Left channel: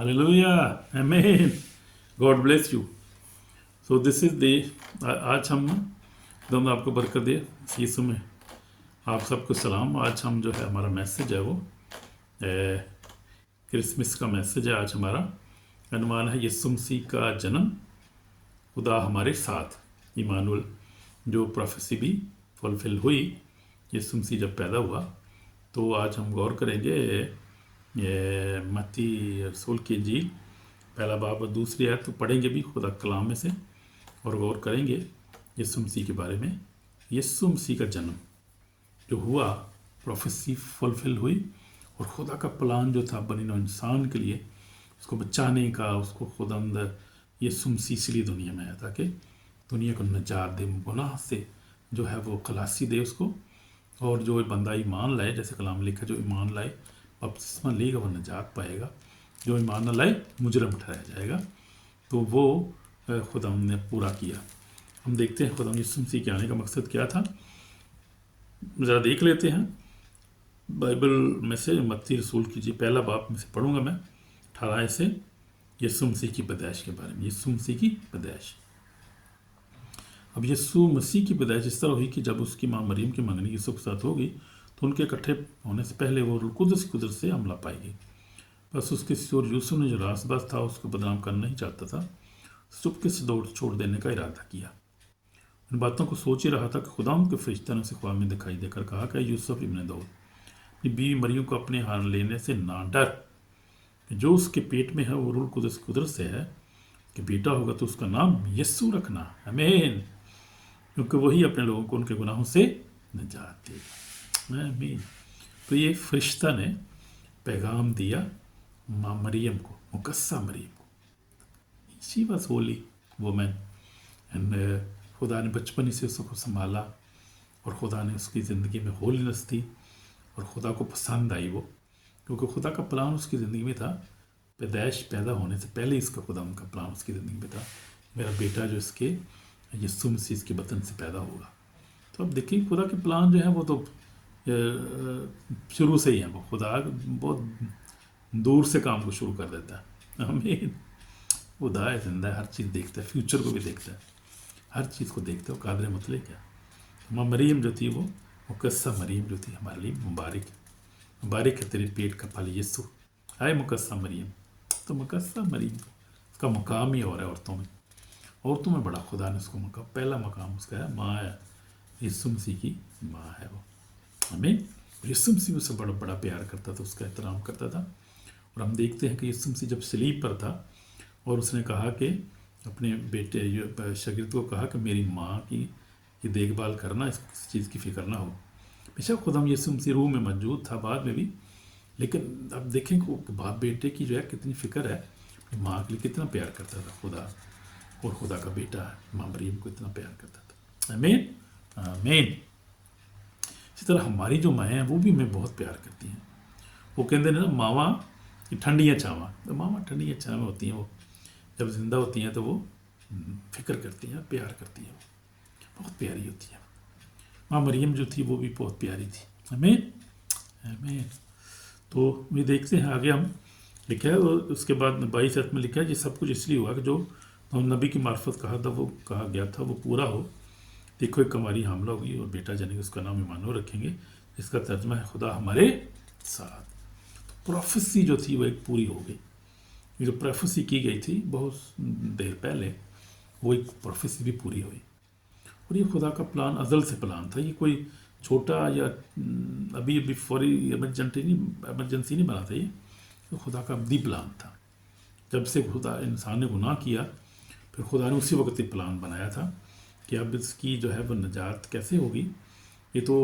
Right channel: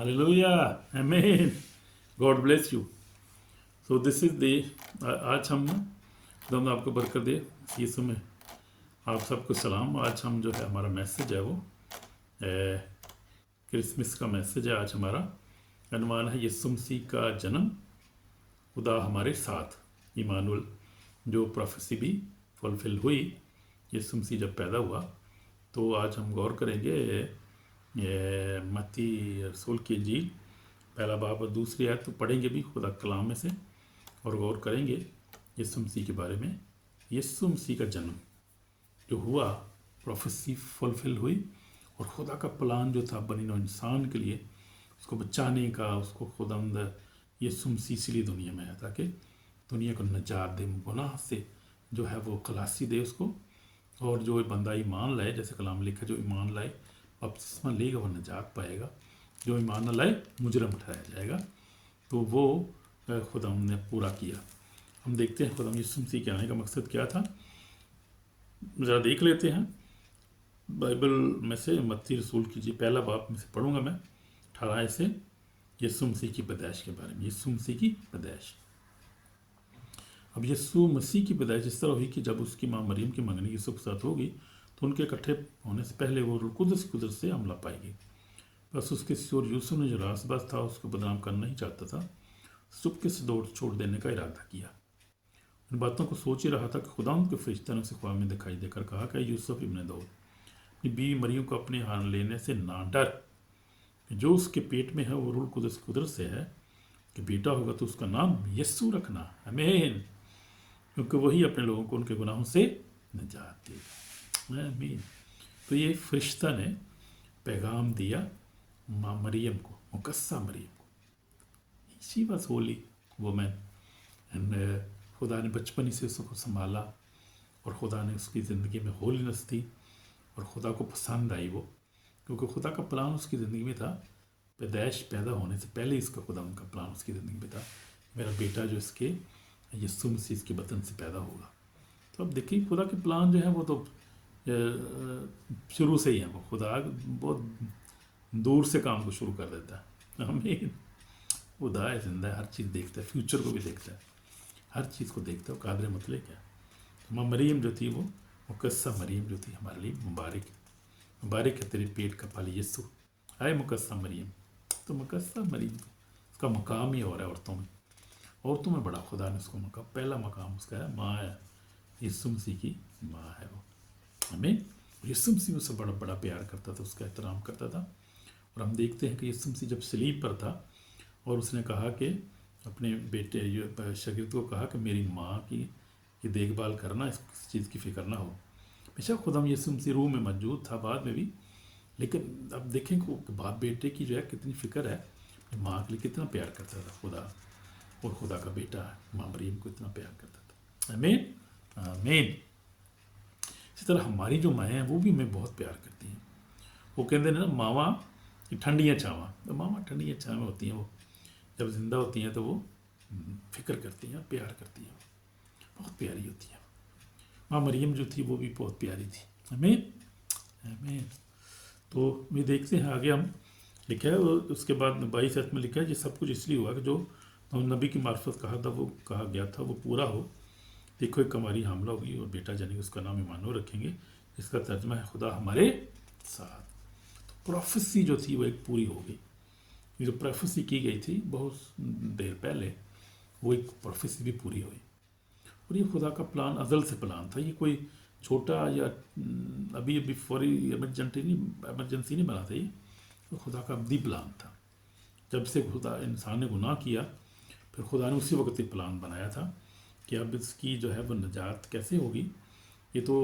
Hallelujah. Amen. God bless you. So this is the आज हम दम आपको बरकत दे यीशु में आप सबको सलाम। आज हम जो है हमारा मैसेज है वो क्रिसमस का मैसेज है। आज हमारा अनुमान है यीशु मसीह का जन्म, खुदा हमारे साथ, इमानुअल, जो प्रोफेसी भी फुलफिल हुई। यीशु मसीह जब पैदा हुआ तो आज हम गौर करेंगे मत्ती रसूल की इंजील पहला बाब और दूसरी आयत तो पढ़ेंगे भी खुदा कलाम में से और गौर करेंगे यीशु मसीह के बारे में। यीशु मसीह का जन्म जो हुआ, प्रोफेसी फुलफिल हुई और खुदा का प्लान जो था बनी नौ इंसान के लिए, उसको बचाने का, उसको खुदा अंदर यीशु मसीह इसलिए दुनिया में आया ताकि दुनिया को नजात दे, गुनाह से जो है वो खलासी दे उसको। और जो बंदा ईमान लाए, जैसे कलाम लिखा, जो ईमान लाए बपतिस्मा लेगा वो नजात पाएगा, जो ईमान न लाए मुजरम ठहराया जाएगा। तो वो खुदा ने पूरा किया। हम देखते हैं खुदा यीशु मसीह के आने का मकसद क्या था, ज़रा देख लेते हैं बाइबल में से। मत्ती रसूल की जी पहला बाब में से पढ़ूंगा मैं 18 से, यीशु मसीह की पैदाइश के बारे में। यीशु मसीह की पैदाइश। अब यीशु मसीह की पैदाइश इस तरह हुई कि जब उसकी माँ मरियम की मंगनी यूसुफ के साथ होगी तो उनके इकट्ठे होने से पहले वो कुदरत से हमला पाएगी। बस उसके सिर यूसुफ ने जो रासबाज था उसको बदनाम करना ही चाहता था, चुपके से दौड़ छोड़ देने का इरादा किया। उन बातों को सोच ही रहा था कि खुदा के फरिश्ते ने उसे ख्वाब में दिखाई देकर कहा कि यूसुफ इब्न दाऊद, अपनी बीवी मरियम को अपने हाथ लेने से ना डर, जो उसके पेट में है वो रूह कुदरत से है, कि बेटा होगा तो उसका नाम यीशु रखना। आमीन, क्योंकि वही अपने लोगों को उनके गुनाहों से निजात देगा। आमीन। तो ये फरिश्ता ने पैगाम दिया माँ मरियम को, मुकस्सा मरियम को। She was Holi women and खुदा ने बचपन ही से उसको संभाला और खुदा ने उसकी ज़िंदगी में होलीनेस दी और खुदा को पसंद आई वो, क्योंकि खुदा का प्लान उसकी ज़िंदगी में था। पैदाइश पैदा होने से पहले इसका खुदा उनका प्लान उसकी ज़िंदगी में था, मेरा बेटा जो इसके यीशु मसीह इसके बतन से पैदा होगा। तो अब देखिए खुदा के प्लान जो है वो तो शुरू से ही है। वो खुदा बहुत दूर से काम को शुरू कर देता है। हमें खुदा है, जिंदा है, हर चीज़ देखता है, फ्यूचर को भी देखता है, हर चीज़ को देखता है। वो कादर मतलब क्या, माँ मरियम जो थी वो मुकस्सा मरियम जो थी हमारे लिए मुबारक है तेरे पेट का फल यीशु। आए मुकस्सा मरियम, तो मुकस्सा मरियम उसका मुकाम ही और है औरतों में बड़ा खुदा ने उसको मकाम, पहला मकाम उसका है, माँ है, यीशु मसीह की माँ है वो। हमें यीशु मसीह उससे बड़ा प्यार करता था, उसका एहतराम करता था। और हम देखते हैं कि यीशु मसीह जब सलीब पर था और उसने कहा कि अपने बेटे शागिर्द को कहा कि मेरी माँ की देखभाल करना, इस चीज़ की फिक्र ना हो। बेशक खुदा यीशु मसीह रूह में मौजूद था बाद में भी, लेकिन अब देखें कि बाप बेटे की जो है कितनी फ़िक्र है, माँ के लिए कितना प्यार करता था खुदा, और खुदा का बेटा माँ मरियम को इतना प्यार करता था। आमीन आमीन। इसी तरह हमारी जो माँ हैं वो भी हमें बहुत प्यार करती हैं। वो कहते हैं ना, मावा की ठंडियाँ चावा, तो मावा ठंडियाँ चावा होती हैं, वो जब जिंदा होती हैं तो वो फिक्र करती हैं, प्यार करती हैं, बहुत प्यारी होती हैं। माँ मरियम जो थी वो भी बहुत प्यारी थी। आमीन आमीन। तो ये देखते हैं आगे हम लिखा है, उसके बाद 22 में लिखा है, ये सब कुछ इसलिए हुआ कि जो नबी की मार्फत कहा गया था वो पूरा हो। देखो एक हमारी हामला होगी और बेटा जनेगा, उसका नाम इमानुएल रखेंगे, इसका तर्जमा है खुदा हमारे साथ। तो प्रोफेसी जो थी वो एक पूरी हो गई। ये जो प्रोफेसी की गई थी बहुत देर पहले, वो एक प्रोफेसी भी पूरी हुई। और ये खुदा का प्लान अज़ल से प्लान था, ये कोई छोटा या अभी फौरी इमरजेंसी नहीं बना था, ये तो खुदा का अब्दी प्लान था। जब से खुदा इंसान ने गुनाह किया, फिर खुदा ने उसी वक्त ये प्लान बनाया था कि अब इसकी जो है वो निजात कैसे होगी। ये तो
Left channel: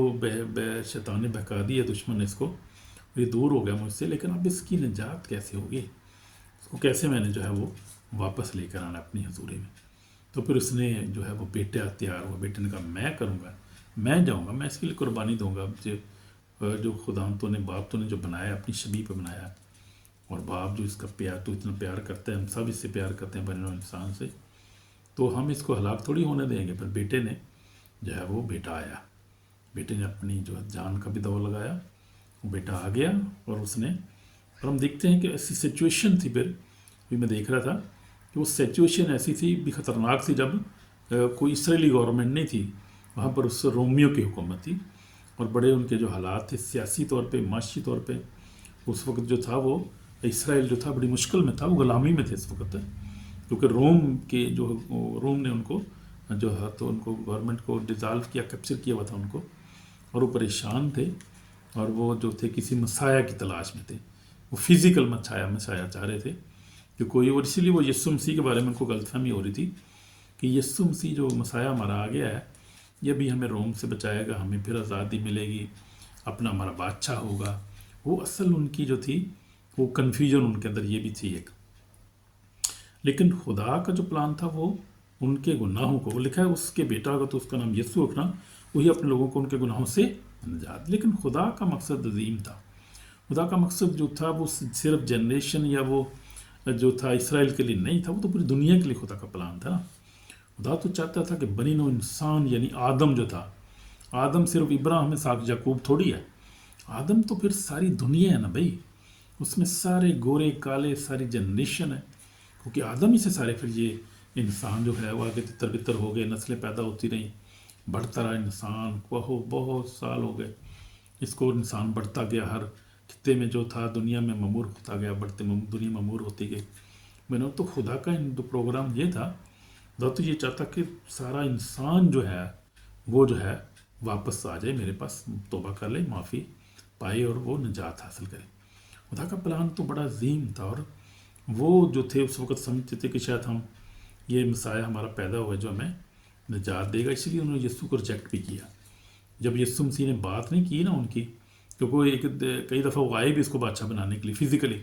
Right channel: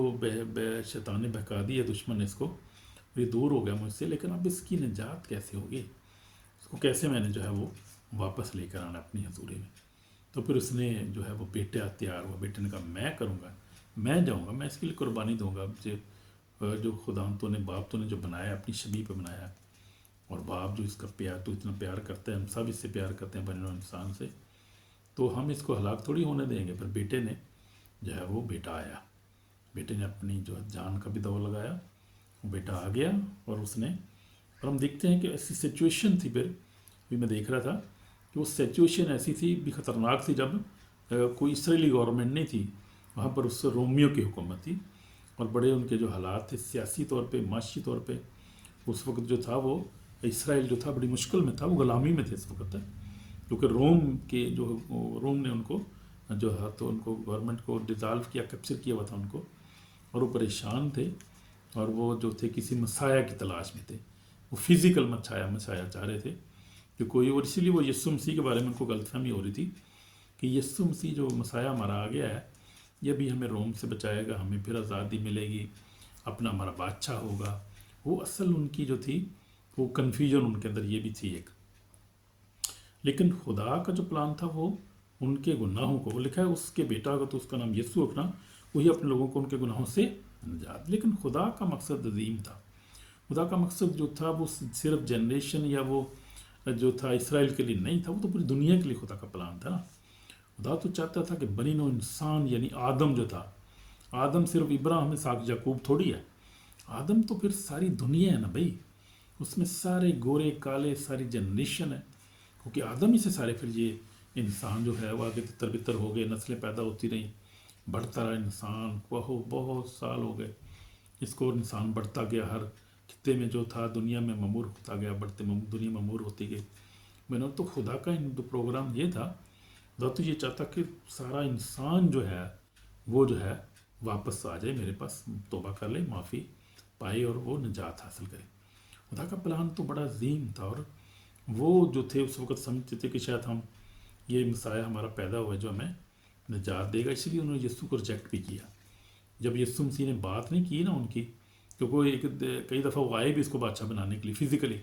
शैतान ने बहका दिया, दुश्मन ने इसको, ये दूर हो गया मुझसे, लेकिन अब इसकी निजात कैसे होगी, इसको कैसे मैंने जो है वो वापस लेकर आना अपनी हजूरी में। तो फिर उसने जो है वो बेटा तैयार हुआ, बेटे ने कहा मैं करूँगा, मैं जाऊँगा, मैं इसके लिए कुर्बानी दूँगा। जो खुदा तो ने बाप तो ने जो बनाया अपनी शबीह पे बनाया, और बाप जो इसका प्यार तो इतना प्यार करते हैं, हम सब इससे प्यार करते हैं बने इंसान से, तो हम इसको हलाक थोड़ी होने देंगे। पर बेटे ने जो है वो बेटा आया, बेटे ने अपनी जो जान का भी दौर लगाया, वो बेटा आ गया और उसने और हम देखते हैं कि ऐसी सिचुएशन थी, फिर भी मैं देख रहा था कि वो सिचुएशन ऐसी थी भी ख़तरनाक थी, जब कोई इसराइली गवर्नमेंट नहीं थी वहाँ पर, उस रोमियो की हुकूमत थी, और बड़े उनके जो हालात थे सियासी तौर पे, माशी तौर पे, उस वक्त जो था वो इसराइल जो था बड़ी मुश्किल में था, वो गुलामी में थे इस वक्त, क्योंकि रोम ने उनको जो है तो उनको गवर्नमेंट को डिज़ाल्व किया, कैप्चर किया हुआ था उनको, और वो परेशान थे, और वो जो थे किसी मसाया की तलाश में थे, वो फिज़िकल मसाया चाह रहे थे कि कोई, और इसीलिए वो यीशु मसीह के बारे में उनको गलतफहमी हो रही थी कि यीशु मसीह जो मसाया हमारा आ गया है, ये भी हमें रोम से बचाएगा, हमें फिर आज़ादी मिलेगी, अपना हमारा बादशाह होगा। वो असल उनकी जो थी वो कन्फ्यूजन उनके अंदर ये भी थी एक। लेकिन खुदा का जो प्लान था वो उनके गुनाहों को, वो लिखा है उसके बेटा होगा तो उसका नाम यीशु रखना, वही अपने लोगों को उनके गुनाहों से निजात। लेकिन खुदा का मकसद अजीम था। खुदा का मकसद जो था वो सिर्फ जनरेशन या वो जो था इसराइल के लिए नहीं था, वो तो पूरी दुनिया के लिए खुदा का प्लान था ना। खुदा तो चाहता था कि बनी नो इंसान यानी आदम जो था, आदम सिर्फ इब्राहिम इसाक याकूब थोड़ी है, आदम तो फिर सारी दुनिया है ना भाई, उसमें सारे गोरे काले सारी जनरेशन है, क्योंकि आदम ही से सारे फिर ये इंसान जो है वो आगे तितर बितर हो गए, नस्लें पैदा होती रहीं, बढ़ता रहा इंसान, बहुत साल हो गए इसको, इंसान बढ़ता गया, हर खित्ते में जो था दुनिया में ममूर होता गया, बढ़ते दुनिया ममूर होती गई। मैंने तो खुदा का जो प्रोग्राम ये था, खुदा तो ये चाहता कि सारा इंसान जो है वो जो है वापस आ जाए मेरे पास, तौबा कर ले, माफ़ी पाए और वो निजात हासिल करे। खुदा का प्लान तो बड़ा अजीम था, और वो जो थे उस वक्त समझते थे कि शायद हम ये मसाया हमारा पैदा हुआ जो हमें निजात देगा, इसलिए उन्होंने यीशु को रिजेक्ट भी किया। जब यीशु मसीह ने बात नहीं की ना उनकी, क्योंकि कई दफ़ा वो आए भी इसको बादशाह बनाने के लिए फिज़िकली,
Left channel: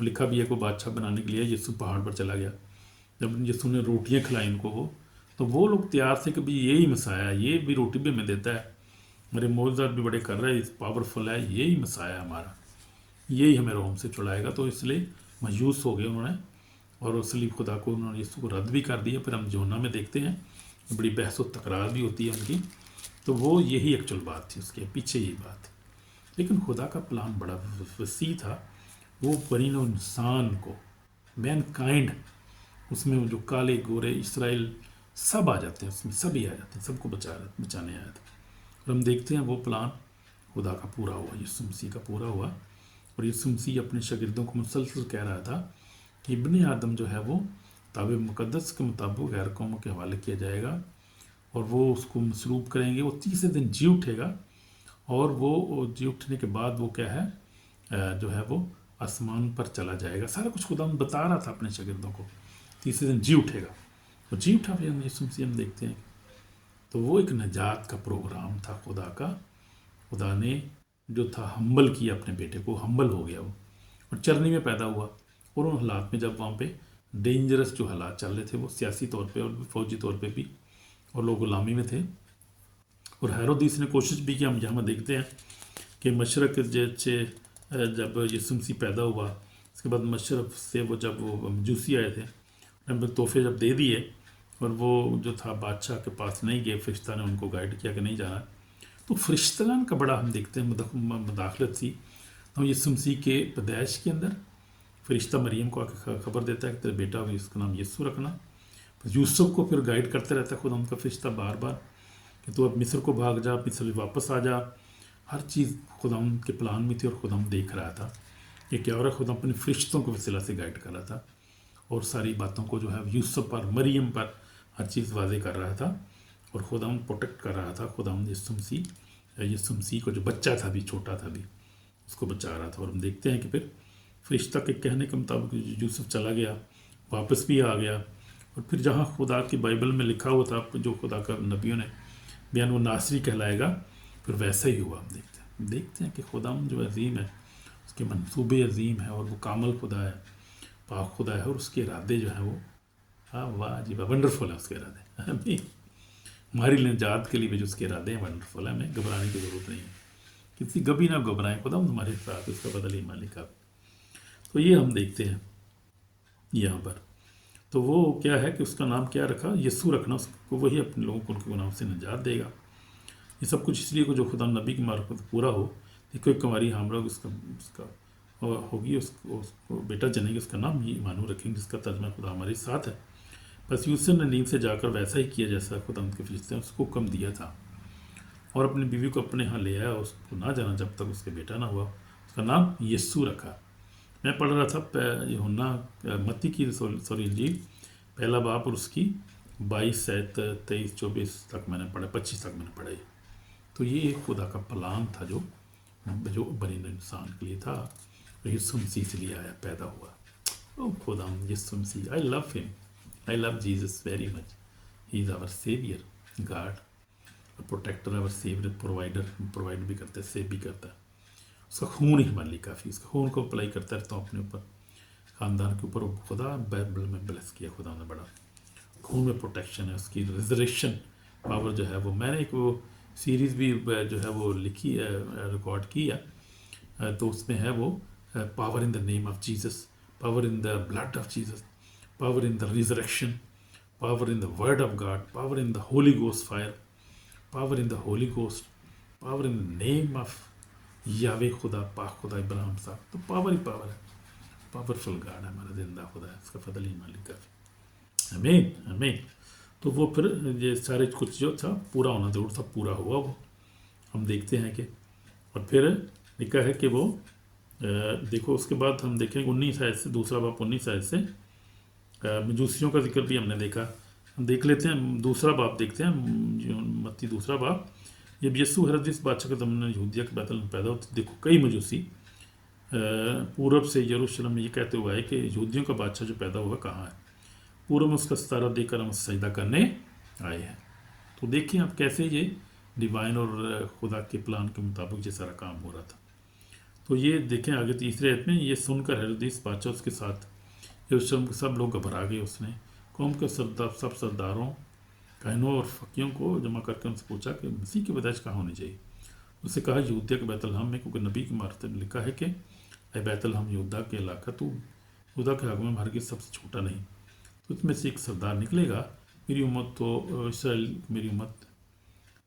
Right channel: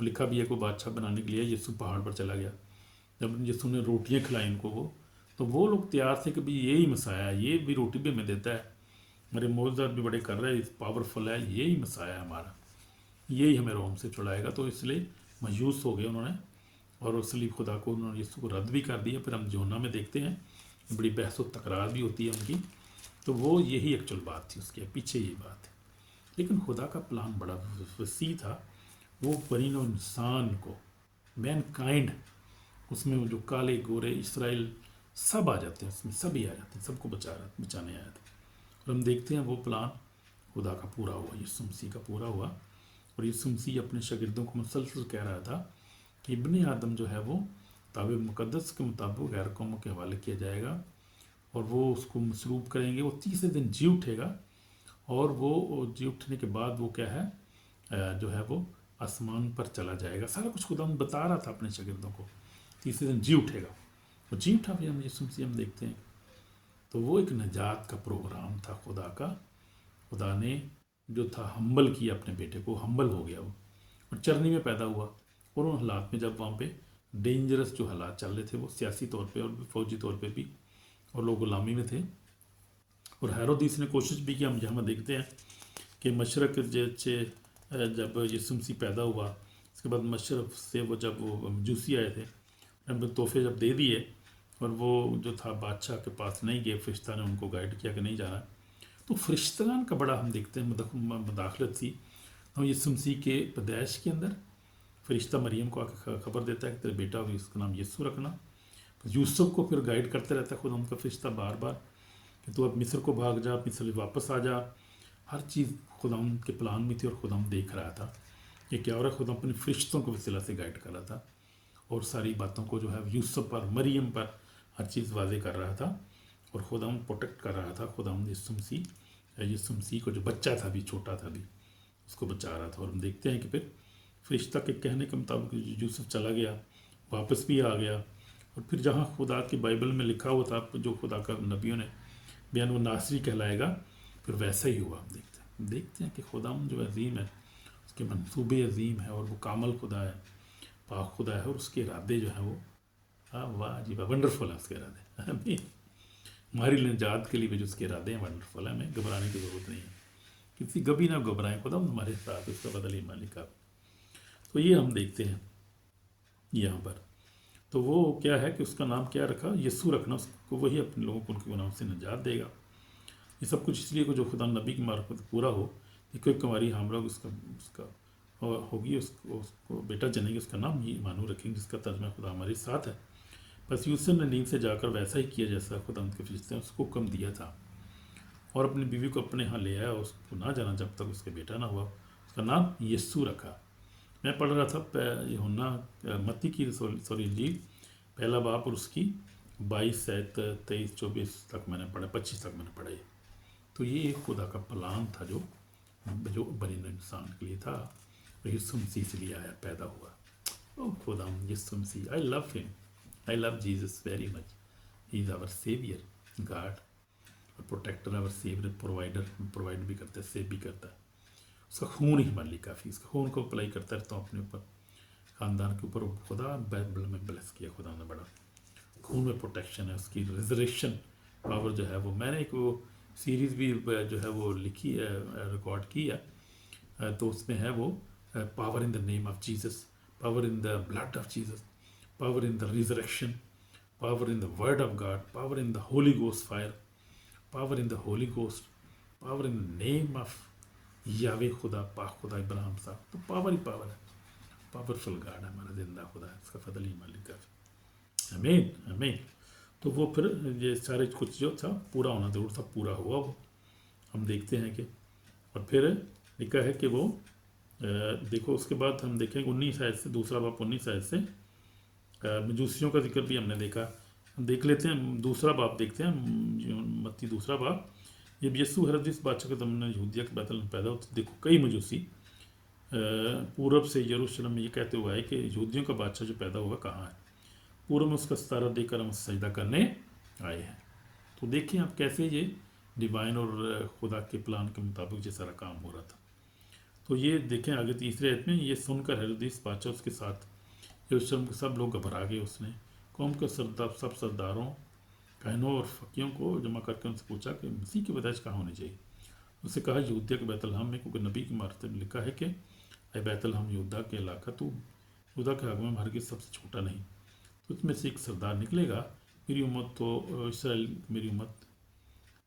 लिखा भी है को बादशाह बनाने के लिए यीशु पहाड़ पर चला गया। जब यीशु ने रोटियाँ खिलाई उनको तो वो लोग तैयार थे कि भाई यही मसाया, ये भी रोटी भी हमें देता है, मेरे मौजूद भी बड़े कर रहे हैं, पावरफुल है, यही मसाया हमारा, यही हमें रोम से छुड़ाएगा। तो इसलिए मायूस हो गए उन्होंने, और असली खुदा को उन्होंने यीशु को रद्द भी कर दिया। फिर हम जोना में देखते हैं बड़ी बहस व तकरार भी होती है उनकी, तो वो यही एक्चुअल बात थी, उसके पीछे यही बात थी। लेकिन खुदा का प्लान बड़ा वसी था, वो बनीनो इंसान को, मैन काइंड, उसमें वो जो काले गोरे इसराइल सब आ जाते हैं, उसमें सभी आ जाते हैं, सबको बचाने आए थे। और हम देखते हैं वो प्लान खुदा का पूरा हुआ, यीशु मसीह का पूरा हुआ। और यीशु मसीह अपने शागिर्दों को मुसलसल कह रहा था कि इब्ने आदम जो है वो ताबे मुक़द्दस के मुताबिक गैर कौमों के हवाले किया जाएगा, और वो उसको मसलूब करेंगे, वो तीसरे दिन जी उठेगा, और वो जी उठने के बाद वो क्या है जो है वो आसमान पर चला जाएगा। सारा कुछ खुदा बता रहा था अपने शागिर्दों को, तीसरे दिन जी उठेगा, और जी उठा फिर यीशु मसीह हम देखते हैं। तो वो एक नजात का प्रोग्राम था खुदा का। खुदा ने जो था हम्बल किया अपने बेटे को, हम्बल हो गया वो, और चरनी में पैदा हुआ। और उन हालात में जब वहाँ पे डेंजरस जो हालात चल रहे थे, वो सियासी तौर पे और फौजी तौर पे भी, और लोग गुलामी में थे, और हेरोदिस ने कोशिश भी की। हम यहाँ देखते हैं कि मशरक़ जैसे जब यीशु मसीह पैदा हुआ, उसके बाद मशरक़ से वो जब वो मजूसी आए थे, उन्होंने तोहफे जब दे दिए, और वो जो था बादशाह के पास नहीं गए, फरिश्ता ने उनको गाइड किया कि नहीं जाना। तो फरिश्तान का बड़ा हम देखते हैं मदाखलत थी। तो यीशु मसीह के पैदाइश के अंदर फरिश्ता मरियम को आकर खबर देता है कि तेरा बेटा होगा, इसका नाम यीशु रखना। यूसुफ को फिर गाइड करते रहता है खुदा उनका फरिश्ता बार बार कि तू अब मिस्र को भाग जा, मिस्र वापस आ जा। हर चीज़ खुदा के प्लान में थी, और खुदा देख रहा था कि क्या हो रहा है। खुदा अपने फरिश्तों को वसीला से गाइड कर रहा था, और सारी बातों को जो है यूसुफ पर, मरियम पर हर चीज़ वाज़े कर रहा था, और खुदा प्रोटेक्ट कर रहा था। खुदा यीशु मसीह को जो बच्चा था भी, छोटा था भी, उसको बचा रहा था। और हम देखते हैं कि फिर फरिश्ता के कहने के मुताबिक यूसुफ चला गया, वापस भी आ गया, और फिर जहाँ खुदा की बाइबल में लिखा हुआ था, जो खुदा का नबियों ने बयान, वो नासरी कहलाएगा, फिर वैसा ही हुआ। हम देखते हैं कि खुदा जो अजीम है, उसके मंसूबे अजीम है, और वो कामल खुदा है, पाक खुदा है, और उसके इरादे जो हैं वो वाह जी वाह, वंडरफुल है उसके इरादे। हमारी निजात के लिए भी जो उसके इरादे हैं वंडरफुल है, हमें घबराने की ज़रूरत नहीं है, किसी कभी ना घबराएं, खुदा तुम्हारे साथ, उसका बदल ही मालिक आप। तो ये हम देखते हैं यहाँ पर। तो वो क्या है कि उसका नाम क्या रखा, यीशु रखना, उसको वही अपने लोगों को उनके गुनाहों से निजात देगा। ये सब कुछ इसलिए को जो खुदा नबी की मार्फत पूरा हो। देखो एक हमारी हम लोग उसका होगी, उसको बेटा जनेगी, उसका नाम ये इमानुएल रखेंगे, जिसका तर्जमा खुदा हमारे साथ है। बस यूसुफ ने नींद से जाकर वैसा ही किया जैसा खुदा उनके फरिश्ते ने उसको हुक्म दिया था, और अपनी बीवी को अपने यहाँ ले आया, उसको ना जाना जब तक उसके बेटा ना हुआ। उसका नाम यस्सु रखा। मैं पढ़ रहा था यूहन्ना मत्ती की सॉरी इंजील पहला बाब और उसकी 22 आयत 23-24 तक मैंने पढ़ा, 25 तक मैंने पढ़ा। तो ये खुदा का प्लान था जो बनी इंसान के लिए था, यीशु मसीह से भी आया, पैदा हुआ। ओ खुदा यीशु मसीह, I love him, I love Jesus very much. He is our saviour, God protector, our saviour, provider, provide भी करता है, सेव भी करता है। उसका खून ही हमारे लिए काफ़ी, उसका खून को अप्लाई करता रहता हूँ अपने ऊपर, ख़ानदान के ऊपर। खुदा बाइबल में ब्लेस किया खुदा ने, बड़ा खून में प्रोटेक्शन है, उसकी रिजरेक्शन पावर जो है वो, मैंने एक वो सीरीज़ भी जो है वो लिखी है, रिकॉर्ड की है, तो उसमें है वो power in the name of Jesus, power in the blood of Jesus, power in the resurrection, power in the word of God, power in the Holi ghost fire, power in the Holi ghost, power in the name of यावे खुदा, पाक खुदा इब्राहिम साहब। तो power ही power है, powerful God है हमारा, जिंदा खुदा है, इसका फजल ही मालिक है। आमीन आमीन। तो वो फिर ये सारे कुछ जो था पूरा होना जरूर था, पूरा हुआ वो, हम देखते हैं कि। और फिर लिखा है कि वो देखो, उसके बाद हम देखेंगे 19 आयत से, दूसरा बाप 19 आयत से मजूसियों का जिक्र भी हमने देखा। हम देख लेते हैं दूसरा बाप, देखते हैं मत्ती दूसरा बाप। जब यीशु हेरोदेस बादशाह के ज़माने में यहूदिया के बैतल में पैदा होते, देखो कई मजूसी पूरब से यरूशलेम में ये कहते हुए आए कि यहूदियों का बादशाह जो पैदा हुआ कहाँ है, पूर्व में उसका सितारा देकर हम सजदा करने आए हैं। तो देखिए आप कैसे ये डिवाइन और खुदा के प्लान के मुताबिक ये सारा काम हो रहा था। तो ये देखें आगे तीसरे आयत में, ये सुनकर हेरोदेस बादशाह उसके साथ यरूशलेम के सब लोग घबरा गए। उसने कौम के सब सरदारों, काहिनों और फकीयों को जमा करके उनसे पूछा कि मसीह की पैदाइश कहाँ होनी चाहिए। उससे कहा यहूदिया के बैतलहम में, क्योंकि नबी की मार्फत में लिखा है कि ए बैतलहम यहूदा के इलाका, तू यहूदा के हक में हरगिज़ सबसे छोटा नहीं, तो उसमें से एक सरदार निकलेगा, मेरी उम्मत तो इसराइल, मेरी उम्मत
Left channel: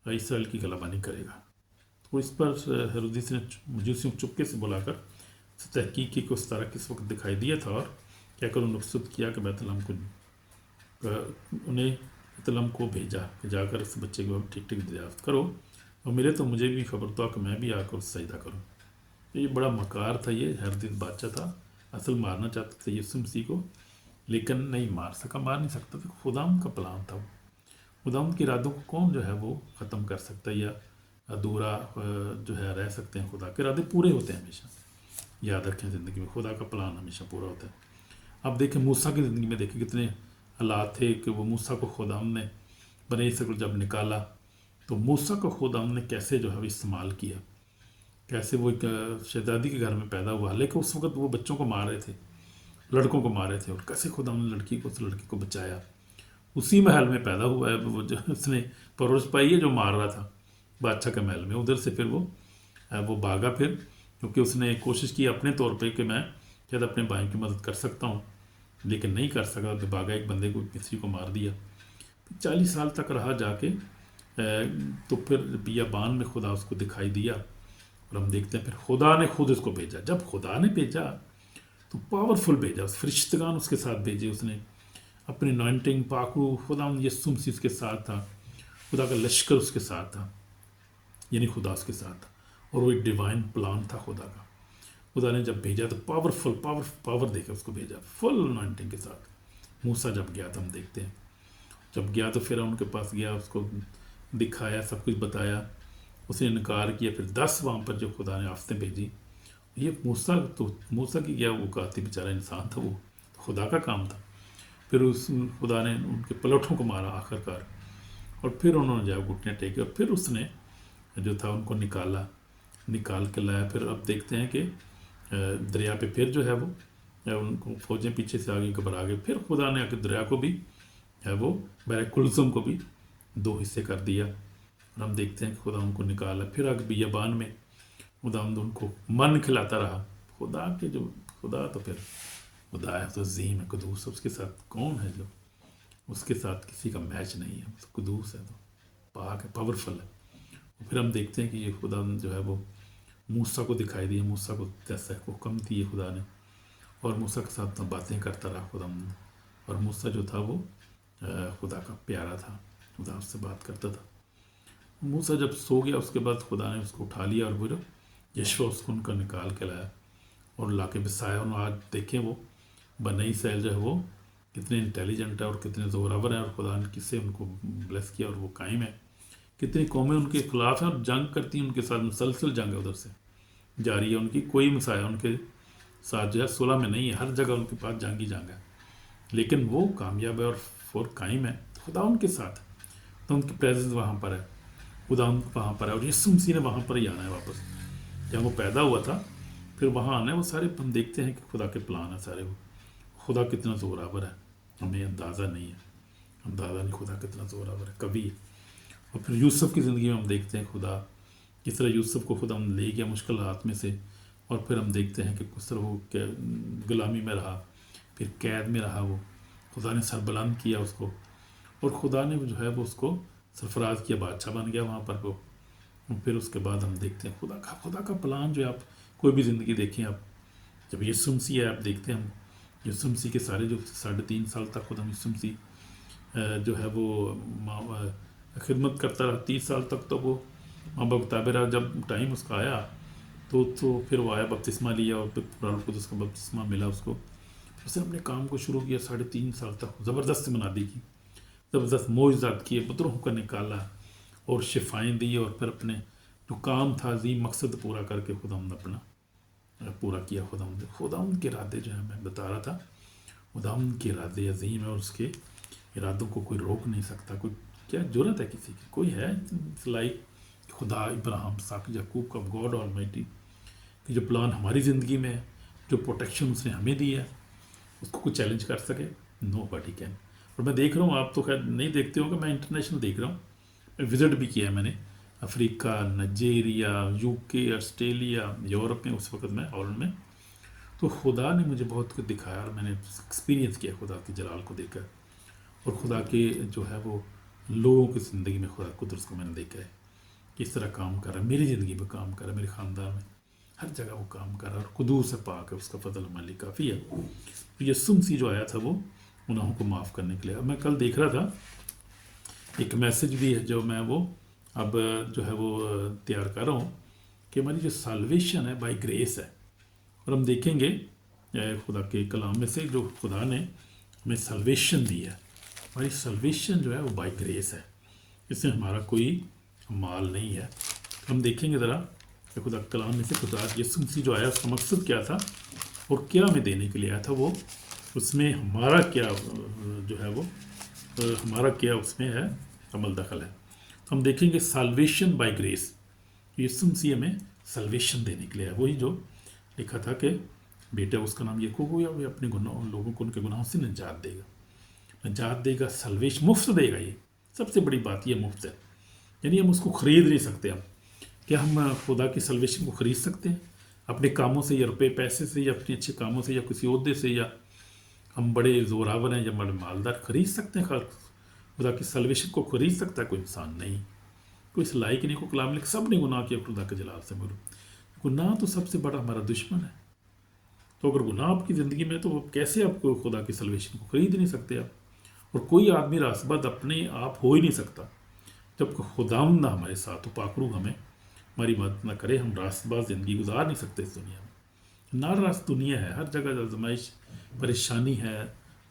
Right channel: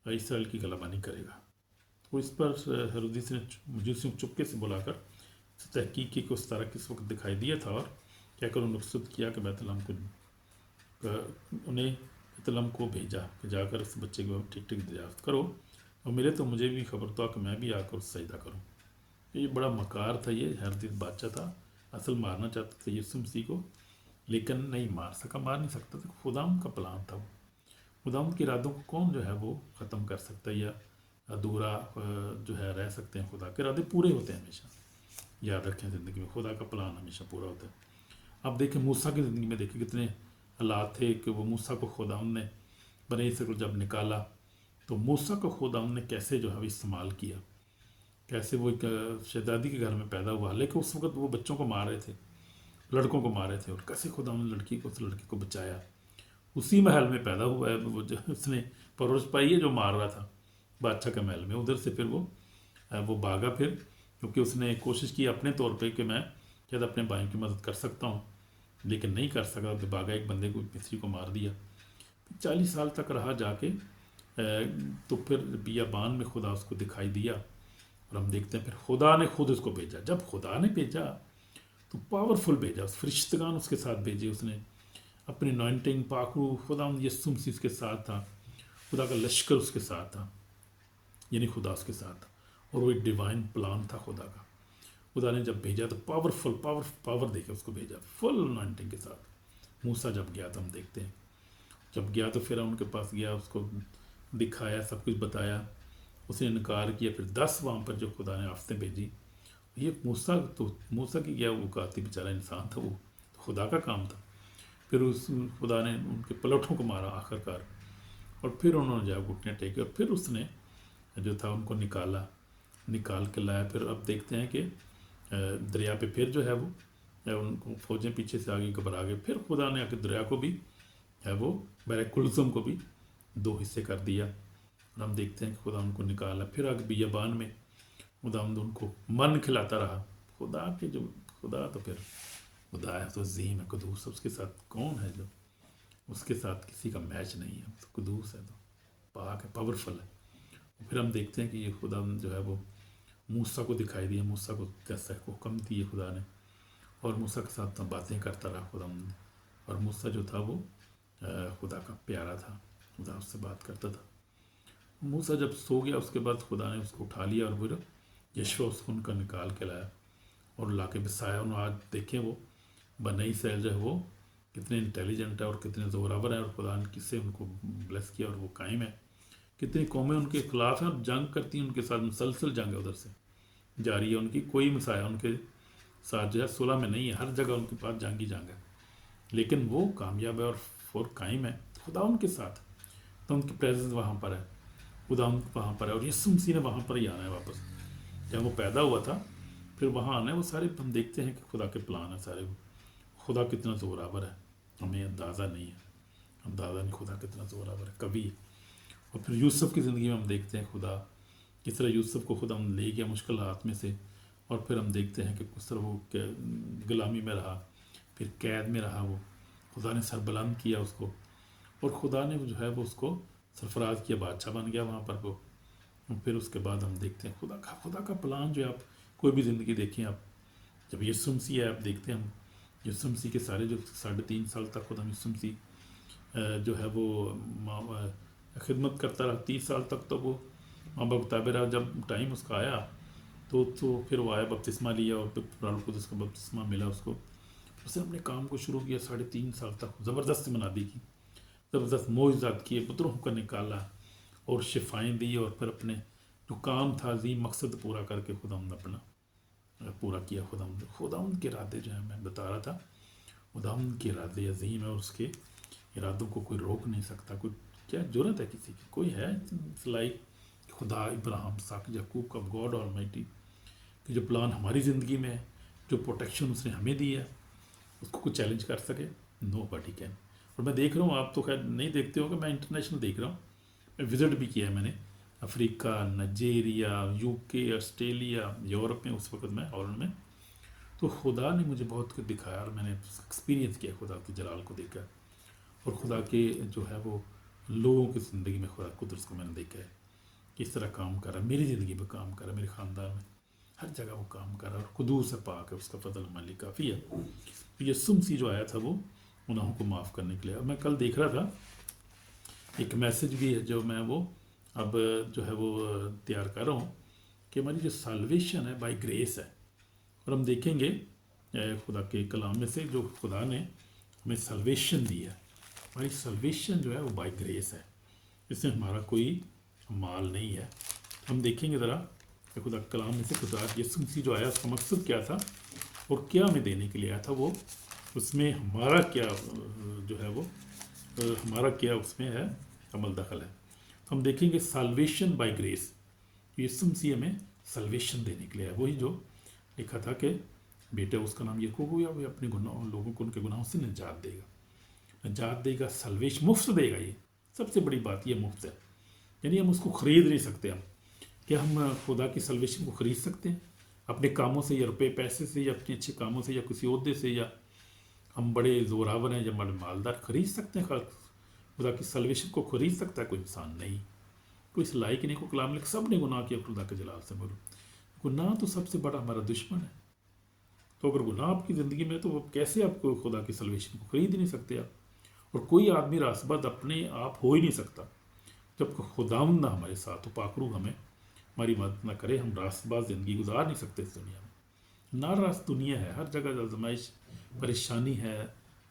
इसराइल की गलाबानी करेगा। तो इस पर हेरोदेस ने मजूसियों को चुपके से बुलाकर तहकीक की कि उस तरह किस वक्त दिखाई दिया था, और कहकर उन्हें मकसूद किया कि बैतलहम को उन्हें बैतलहम को भेजा कि जाकर इस बच्चे के ठीक ठीक दरियाफ्त करो, और मिले तो मुझे भी खबर तो कि मैं भी आकर उस सजदा करूँ। ये बड़ा मकार था, ये हेरोदेस बादशाह था, असल मारना चाहता था यीशु मसीह को, लेकिन नहीं मार सका, मार नहीं सकता था। खुदाम का प्लान था वो, खुदाम के इरादों को कौन जो है वो ख़त्म कर सकता है या अधूरा जो है रह सकते हैं। खुदा के इरादे पूरे होते हैं हमेशा, याद रखें ज़िंदगी में खुदा का प्लान हमेशा पूरा होता है। अब देखें मूसा की ज़िंदगी में, देखें कितने हालात थे कि वो मूसा को खुदाम ने बने से जब निकाला, तो मूसा को खुदाम ने कैसे जो है इस्तेमाल किया, कैसे वो एक शहजादी के घर में पैदा हुआ, लेकिन उस वक्त वो बच्चों को मार रहे थे, लड़कों को मारे थे, और कैसे खुदा ने लड़की को, उस लड़की को बचाया। उसी महल में पैदा हुआ है वो, जो उसने परवरिश पाई है, जो मार रहा था बादशाह के महल में। उधर से फिर वो भागा, फिर क्योंकि उसने कोशिश की अपने तौर पे कि मैं शायद अपने भाई की मदद कर सकता हूँ, लेकिन नहीं कर सका, तो भागा, एक बंदे को, मिस्री को मार दिया। 40 साल तक रहा जाके, तो फिर बियाबान में खुदा उसको दिखाई दिया, और हम देखते हैं फिर खुदा ने खुद उसको भेजा। जब खुदा ने भेजा तो पावरफुल भेजा, उस फरिश्तगान उसके साथ भेजे, उसने अपने अनॉइंटिंग पाकू, खुदा यीशु मसीह उसके साथ था, खुदा का लश्कर उसके साथ था, यानी खुदा उसके साथ था, और वो एक डिवाइन प्लान था खुदा का। खुदा ने जब भेजा तो पावरफुल पावर देके उसको भेजा, फुल अनॉइंटिंग के साथ। मूसा जब गया तो हम देखते हैं, जब गया तो फिर उनके पास गया, उसको दिखाया, सब कुछ बताया, उसने इनकार किया। फिर 10 वहाँ पर जो खुदा ने आफतें भेजी, ये मूसा की गया, वो काती बेचारा इंसान था, वो खुदा का काम था। फिर उस खुदा ने उनके पलटों को मारा आखिरकार, और फिर उन्होंने जाए घुटने टेके, और फिर उसने जो था उनको निकाल के लाया। फिर अब देखते हैं कि दरिया पे फिर जो है वो उनको फौजें पीछे से आगे घबरा गए, फिर खुदा ने आके दरिया को भी है वो बहरे कुलसुम को भी 2 हिस्से कर दिया, और हम देखते हैं कि खुदा उनको निकाला। फिर आगे बियाबान में खुदा उनको मन खिलाता रहा। खुदा तो फिर खुदा है, तो ज़ीम है, कुदूस है, उसके साथ कौन है जो, उसके साथ किसी का मैच नहीं है, तो कुदूस है, तो पाक है, पावरफुल है। फिर हम देखते हैं कि ये खुदा जो है वो मूसा को दिखाई दिया, मूसा को जैसा हुक्म दिए खुदा ने, और मूसा के साथ बातें करता रहा खुदा। और मूसा जो था वो खुदा का प्यारा था, खुदा उससे बात करता था। मूसा जब सो गया उसके बाद खुदा ने उसको उठा लिया और फिर यशवा उसको उनका निकाल के लाया और ला के बसाया। और आज देखें वो बनी इसराइल जो है वो कितने इंटेलिजेंट है और कितने ज़ोरावर हैं, और खुदा ने किससे उनको ब्लेस किया और वो कायम है। कितनी कौमें उनके खिलाफ हैं और जंग करती हैं उनके साथ, मुसलसल जंग है उधर से जारी है उनकी। कोई मसाया उनके साथ जो है सुलह में नहीं है, हर जगह उनके पास जंग ही जंग है, लेकिन वो कामयाब है और कायम है। खुदा उनके साथ, तो उनकी प्रेजेंस वहाँ पर है, खुदा वहाँ पर है। और यीशु मसीह ने वहाँ पर ही आना है वापस, जब वो पैदा हुआ था फिर वहाँ आना है। वो सारे हम देखते हैं कि खुदा के प्लान है सारे। वो खुदा कितना ज़ोरावर है हमें अंदाज़ा नहीं है, अंदाज़ा नहीं खुदा कितना ज़ोरावर है, कभी है। और फिर यूसुफ की ज़िंदगी में हम देखते हैं खुदा किस तरह यूसुफ को खुदा हम ले गया मुश्किल हालात में से, और फिर हम देखते हैं कि किस तरह वो गुलामी में रहा, फिर कैद में रहा, वो खुदा ने सरबलंद किया उसको, और खुदा ने जो है वो उसको सरफराज किया, बादशाह बन गया वहाँ पर वो। फिर उसके बाद हम देखते हैं खुदा का प्लान जो है। आप कोई भी ज़िंदगी देखें, आप जब यीशु मसीह है आप देखते हैं, हम यीशु मसीह के सारे जो 3.5 साल तक खुदा यीशु मसीह जो है वो खिदमत करता रहा 30 साल तक, तो वो माँ बाप ताबे रहा। जब टाइम उसका आया तो फिर वो आया, बपतिस्मा लिया, और फिर कुरान को उसका बपतिस्मा मिला उसको। उसने अपने काम को शुरू किया 3.5 साल तक, ज़बरदस्त मनादी की, ज़बरदस्त मोइज़ात किए, बदरों को निकाला और शिफाएँ दी, और फिर अपने जो काम था अजीम मकसद पूरा करके खुदा ने अपना पूरा किया। खुदा के इरादे जो है मैं बता रहा था, खुदा के इरादे अजीम है और उसके इरादों को कोई रोक नहीं सकता। कोई क्या ज़रूरत है किसी की, कोई है लाइक खुदा इब्राहिम साक याकूब का गॉड ऑलमाइटी कि जो प्लान हमारी ज़िंदगी में है, जो प्रोटेक्शन उसने हमें दी है, उसको कोई चैलेंज कर सके? Nobody can. और मैं देख रहा हूँ, आप तो खैर नहीं देखते हो कि मैं इंटरनेशनल देख रहा हूँ, विज़िट भी किया है मैंने Africa, Nigeria, UK, Australia, Europe में, उस वक्त मैं हॉलैंड में। तो खुदा ने मुझे बहुत कुछ दिखाया और मैंने एक्सपीरियंस किया खुदा के जलाल को देखकर, और खुदा के जो है वो लोगों की ज़िंदगी में खुदा कुदरत को मैंने देखा है किस तरह काम कर रहा है, मेरी ज़िंदगी में काम कर रहा है, मेरे ख़ानदान में हर जगह वो काम कर रहा है, और कुदूस से पाक है, उसका फजल हमारे लिए काफ़ी है। तो यीशु मसीह जो आया था वो गुनाहों को माफ़ करने के लिए। अब मैं कल देख रहा था एक मैसेज भी है जो मैं वो अब जो है वो तैयार कर रहा हूँ कि हमारी जो साल्वेशन है बाय ग्रेस है। और हम देखेंगे खुदा के कलाम में से जो खुदा ने हमें साल्वेशन दी है, हमारी साल्वेशन जो है वो बाय ग्रेस है, इसमें हमारा कोई माल नहीं है। हम देखेंगे ज़रा कि खुदा कलाम में से खुदा यीशु मसीह जो आया उसका मकसद क्या था और क्या हमें देने के लिए आया था, वो उसमें हमारा क्या जो है वो हमारा क्या उसमें है अमल दखल है। तो हम देखेंगे साल्वेशन बाय ग्रेस, यीशु मसीह हमें साल्वेशन देने के लिए है। वही जो लिखा था कि बेटा उसका नाम याकूब हो, या वो अपने गुनाह लोगों को उनके गुनाहों से निजात देगा, साल्वेशन मुफ्त देगा। ये सबसे बड़ी बात, ये मुफ्त है, यानी हम उसको ख़रीद नहीं सकते। हम क्या हम खुदा की साल्वेशन को ख़रीद सकते हैं अपने कामों से, या रुपये पैसे से, या अपने अच्छे कामों से, या किसी ओहदे से, या हम बड़े ज़ोरावर हैं या बड़े मालदार खरीद सकते हैं खुदा की साल्वेशन को? खरीद सकता है कोई इंसान नहीं, कोई इस लायक नहीं को कलाम लिख। सब ने गुनाह किया खुदा के जलाल से मरू। गुनाह तो सबसे बड़ा हमारा दुश्मन है। तो अगर गुनाह आपकी ज़िंदगी में, तो कैसे आपको खुदा की साल्वेशन को ख़रीद नहीं सकते आप? और कोई आदमी रास्तबाज अपने आप हो ही नहीं सकता जब खुदावंद ना हमारे साथ हो, पाकरू हमें हमारी मदद ना करे। हम रास्तबाज ज़िंदगी गुजार नहीं सकते इस दुनिया में। ना रास्त दुनिया है, हर जगह आजमाइश, परेशानी है,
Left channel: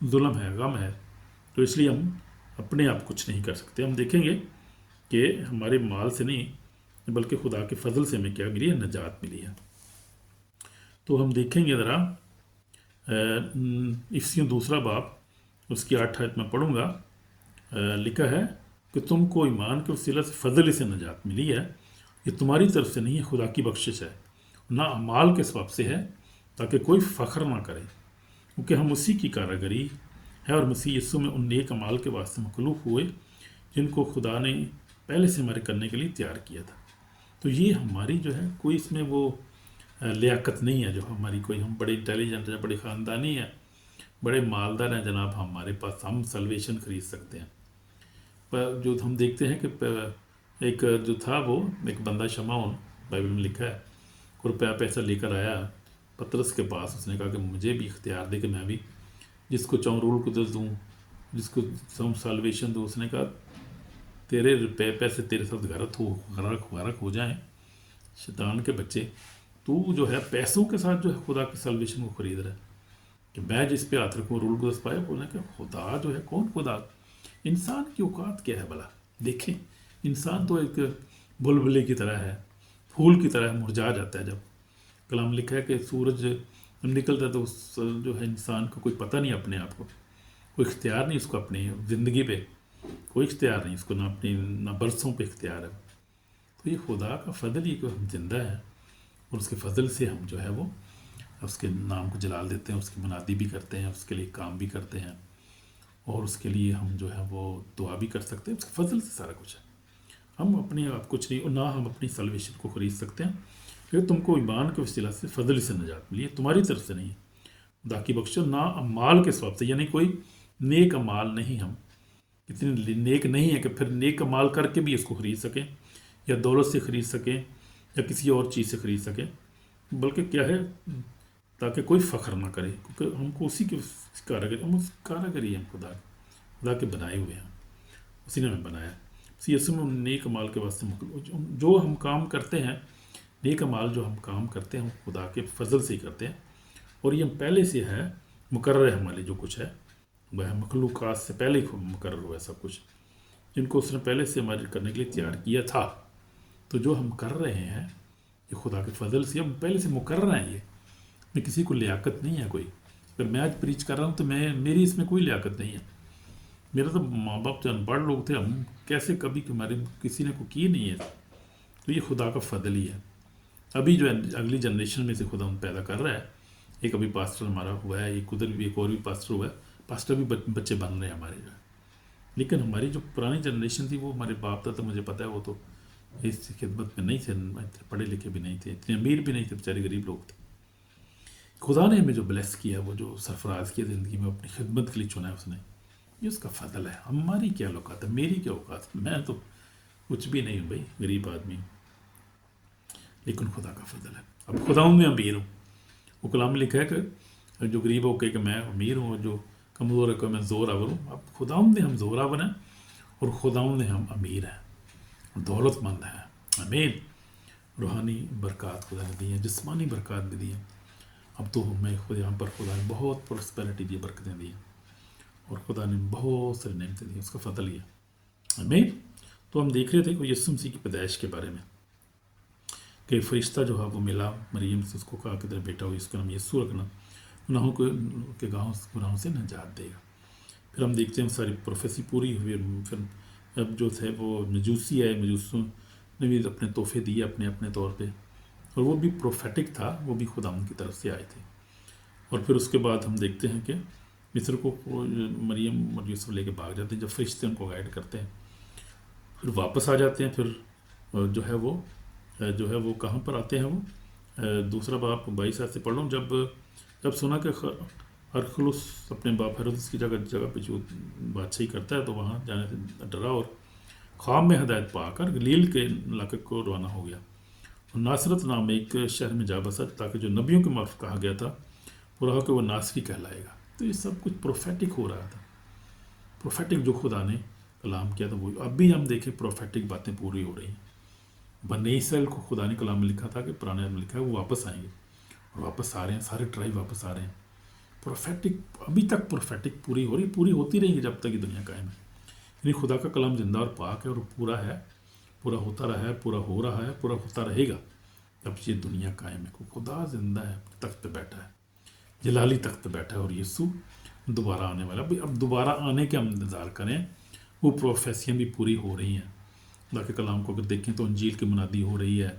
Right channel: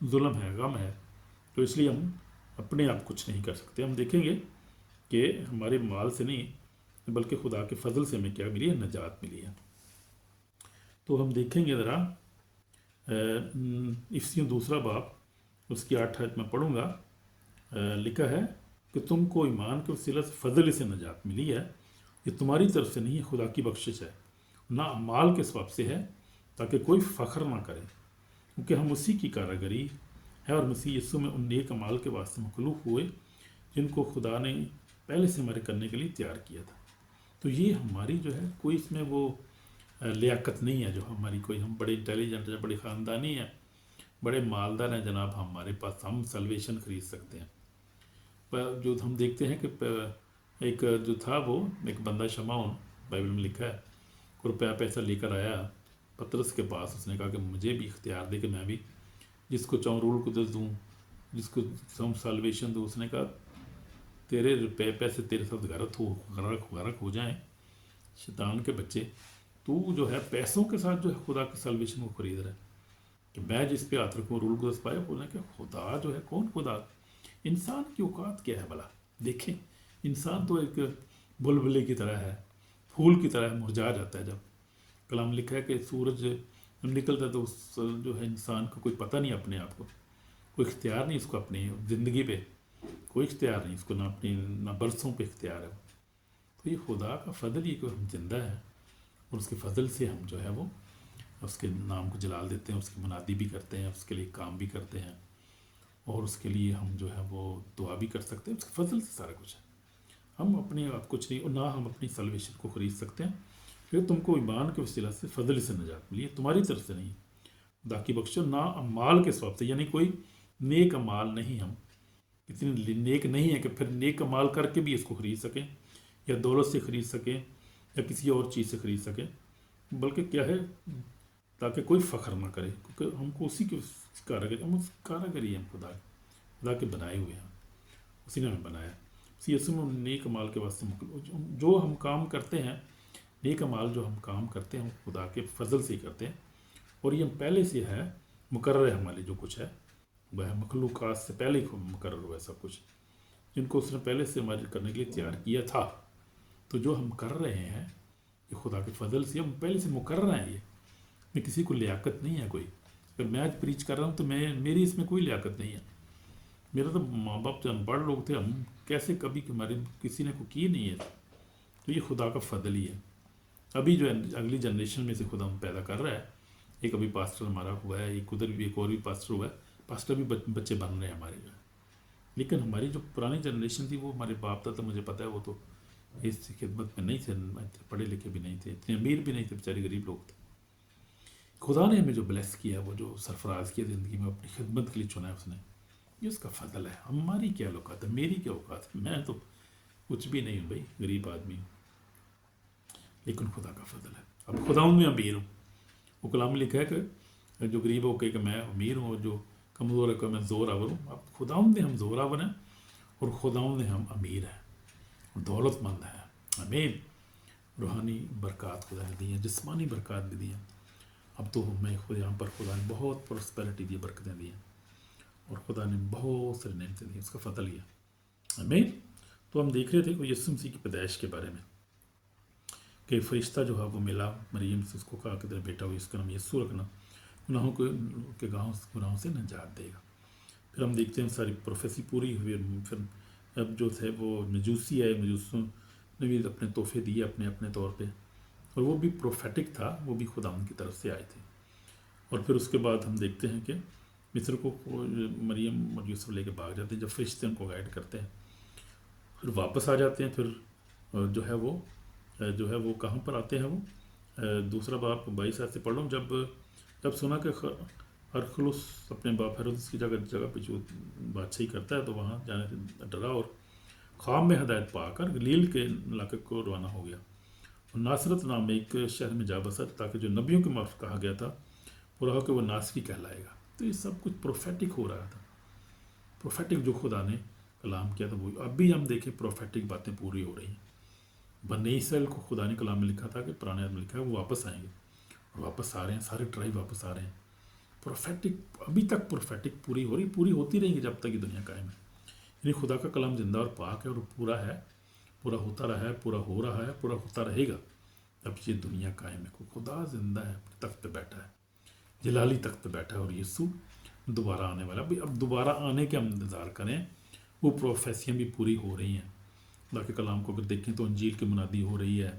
जुल्म है, गम है। तो इसलिए हम अपने आप कुछ नहीं कर सकते। हम देखेंगे कि हमारे माल से नहीं बल्कि खुदा के फजल से हमें क्या मिली है, नजात मिली है। तो हम देखेंगे ज़रा इफ्सियों 2 बाब उसकी 8 आयत में पढ़ूँगा। लिखा है कि तुमको ईमान के वसीला से फजल से नजात मिली है, ये तुम्हारी तरफ से नहीं है, खुदा की बख्शिश है, ना अमाल के सबब से है, ताकि कोई फ़ख्र ना करे, क्योंकि हम उसी की कारागरी है और मसीह यीशु में उन नेक अमाल के वास्ते मखलूक हुए जिनको खुदा ने पहले से हमारे करने के लिए तैयार किया था। तो ये हमारी जो है कोई इसमें वो लियाकत नहीं है जो हमारी, कोई हम बड़े इंटेलिजेंट हैं, बड़े ख़ानदानी हैं, बड़े मालदार हैं जनाब, हमारे पास हम सल्वेशन ख़रीद सकते हैं। पर जो हम देखते हैं कि एक जो था वो एक बंदा शमाउन, बाइबल में लिखा है रुपया पैसा लेकर आया पतरस के पास, उसने कहा कि मुझे भी इख्तियार दे कि मैं भी जिसको चाहूँ रूल कुदस दूँ, जिसको चाहूँ साल्वेशन दूँ। उसने कहा तेरे रुपये पैसे तेरे साथ गरक हो जाएं, शैतान के बच्चे, तू जो है पैसों के साथ जो है खुदा की साल्वेशन को खरीद रहा है कि मैं जिस पे हाथ रखूँ रूल कुदस पाए। बोलने का खुदा जो है कौन खुदा? इंसान की औकात क्या है भला? देखें, इंसान तो एक बुलबुले की तरह है, फूल की तरह मुरझा जाता है। जब कलाम लिखा है कि सूरज निकलता है तो उस जो है इंसान को कोई पता नहीं, अपने आप को कोई इख्तियार नहीं, उसको अपनी ज़िंदगी पे कोई इख्तियार नहीं, उसको ना अपनी ना बरसों पे इख्तियार है। तो ये खुदा का फ़ضل ही को हम जिंदा हैं, और उसके फ़ضल से हम जो है वो उसके नाम को जलाल देते हैं, उसकी मुनादी भी करते हैं, उसके लिए काम भी करते हैं, और उसके लिए हम जो है वो दुआ भी कर सकते हैं। उसके फ़ضल से सारा कुछ है। हम अपने आप कुछ नहीं, और ना हम अपनी सल्वेशन को ख़रीद सकते हैं, क्योंकि तुमको ईमान के वसीला से फ़ضल से निजात मिली है, तुम्हारी तरफ से नहीं है, खुदा की बख्शिश, ना अमाल के सबब से। यानी कोई नेक अमाल नहीं, हम इतने नेक नहीं है कि फिर नेक अमाल करके भी इसको ख़रीद सकें, या दौलत से ख़रीद सकें, या किसी और चीज़ से ख़रीद सकें। बल्कि क्या है, ताकि कोई फ़ख्र ना करे, क्योंकि हमको उसी के कारागरी, हम उस कारागरी हैं, खुदा के बनाए हुए हैं, उसी ने हमें बनाया। इसी यसु में नेक अमाल के वास्ते जो हम काम करते हैं, नेक अमाल जो हम काम करते हैं, हम खुदा के फ़ज़ल से ही करते हैं, और ये पहले से है मुकर्रर है। हमारे जो कुछ है वह मखलूक़ात से पहले ही मुकर्रर हुआ है सब कुछ, जिनको उसने पहले से हमारे करने के लिए तैयार किया था। तो जो हम कर रहे हैं ये खुदा के फ़ज़ल से, हम पहले से मुकर्रर हैं। ये में किसी को लियाकत नहीं है कोई। अगर मैं आज प्रीच कर रहा हूँ तो मेरी इसमें कोई लियाकत नहीं है। मेरा तो माँ बाप जो अनपढ़ लोग थे, हम कैसे कभी हमारे किसी ने को की नहीं है। तो ये खुदा का फ़ضल ही है। अभी जो है अगली जनरेशन में से खुदा हम पैदा कर रहा है। एक अभी पास्टर हमारा हुआ है, एक उधर भी एक और भी पास्टर हुआ है, पास्टर भी बच्चे बन रहे हैं हमारे जो है। लेकिन हमारी जो पुरानी जनरेशन थी, वो हमारे बाप था, तो मुझे पता है वो तो इस खिदमत में नहीं थे, पढ़े लिखे भी नहीं थे, इतने अमीर भी नहीं थे, बेचारे गरीब लोग थे। खुदा ने हमें जो ब्लेस किया, वो जो सरफराज किया ज़िंदगी में, अपनी खिदमत के लिए चुना है उसने, ये उसका फ़ضل है। हमारी क्या औकात है, मेरी क्या औकात है? मैं तो कुछ भी नहीं हूँ भाई, गरीब आदमी हूँ, लेकिन खुदा का फ़ضل है। अब खुदा में अमीर हूँ। वो कलाम में लिखा है कि जो गरीब हो कहे कि मैं अमीर हूँ, और जो कमज़ोर है कि मैं ज़ोरावर हूँ। अब खुदा में हम ज़ोरावर हैं, और खुदा में हम अमीर हैं, दौलतमंद हैं। आमीन। रूहानी बरक़ात खुदा ने दी हैं, जिस्मानी बरक़ात भी दी हैं। अब तो मैं खुद यहाँ पर खुदा ने बहुत प्रॉस्पेरिटी दी, बरकतें दी, और खुदा ने बहुत सारी नेमतें दी, उसका फ़ضل ही है। आमीन। तो हम देख रहे थे कि यीशु मसीह की पैदाइश के बारे में, कि फरिश्ता जो है वो मिला मरियम से, उसको कहा कि तेरा बेटा हो, इसका नाम यीशु रखना, गुनाहों के गुनाहों से निजात देगा। फिर हम देखते हैं सारी प्रोफेसी पूरी हुई। फिर अब जो थे वो मजूसी है, मजूसों ने भी अपने तोहफे दिए अपने अपने तौर पे, और वो भी प्रोफेटिक था, वो भी खुदा की तरफ से आए थे। और फिर उसके बाद हम देखते हैं कि मिस्र को मरियम और यूसुफ लेके भाग जाते हैं, जब फरिश्ते उनको गाइड करते हैं, फिर वापस आ जाते हैं। फिर जो है वो कहाँ पर आते हैं, वो दूसरा बाप 22 से पढ़ लो। जब सुना कि अरखलुस अपने बाप हेरोदेस की जगह पे जो बादशाही करता है, तो वहाँ जाने से डरा, और ख्वाब में हदायत पाकर गलील के इलाके को रवाना हो गया, और नासरत नाम में एक शहर में जा बसा, ताकि जो नबियों के मार्फत कहा गया था वो रहा कि वो नासरी कहलाएगा। तो ये सब कुछ प्रोफेटिक हो रहा था, प्रोफेटिक जो खुदा ने कलाम किया था वो अब भी हम देखें प्रोफेटिक बातें पूरी हो रही हैं। बनी इसराइल को खुदा ने कलाम में लिखा था कि पुराने में लिखा है वो वापस आएंगे, और वापस आ रहे हैं, सारे ट्राइब वापस आ रहे हैं। प्रोफेटिक अभी तक प्रोफेटिक पूरी हो रही, पूरी होती रहेगी जब तक ये दुनिया कायम है। यानी खुदा का कलाम जिंदा और पाक है, और पूरा है, पूरा होता रहा है, पूरा हो रहा है, पूरा होता रहेगा जब ये दुनिया कायम है। खुदा जिंदा है, तख्त पे बैठा है, जलाली तख्त पे बैठा है, और यीशु दोबारा आने वाला। भाई अब दोबारा आने के हम इंतज़ार करें, वो प्रोफेसियाँ भी पूरी हो रही हैं। खुदा के कलाम को अगर देखें तो अंजील की मुनादी हो रही है,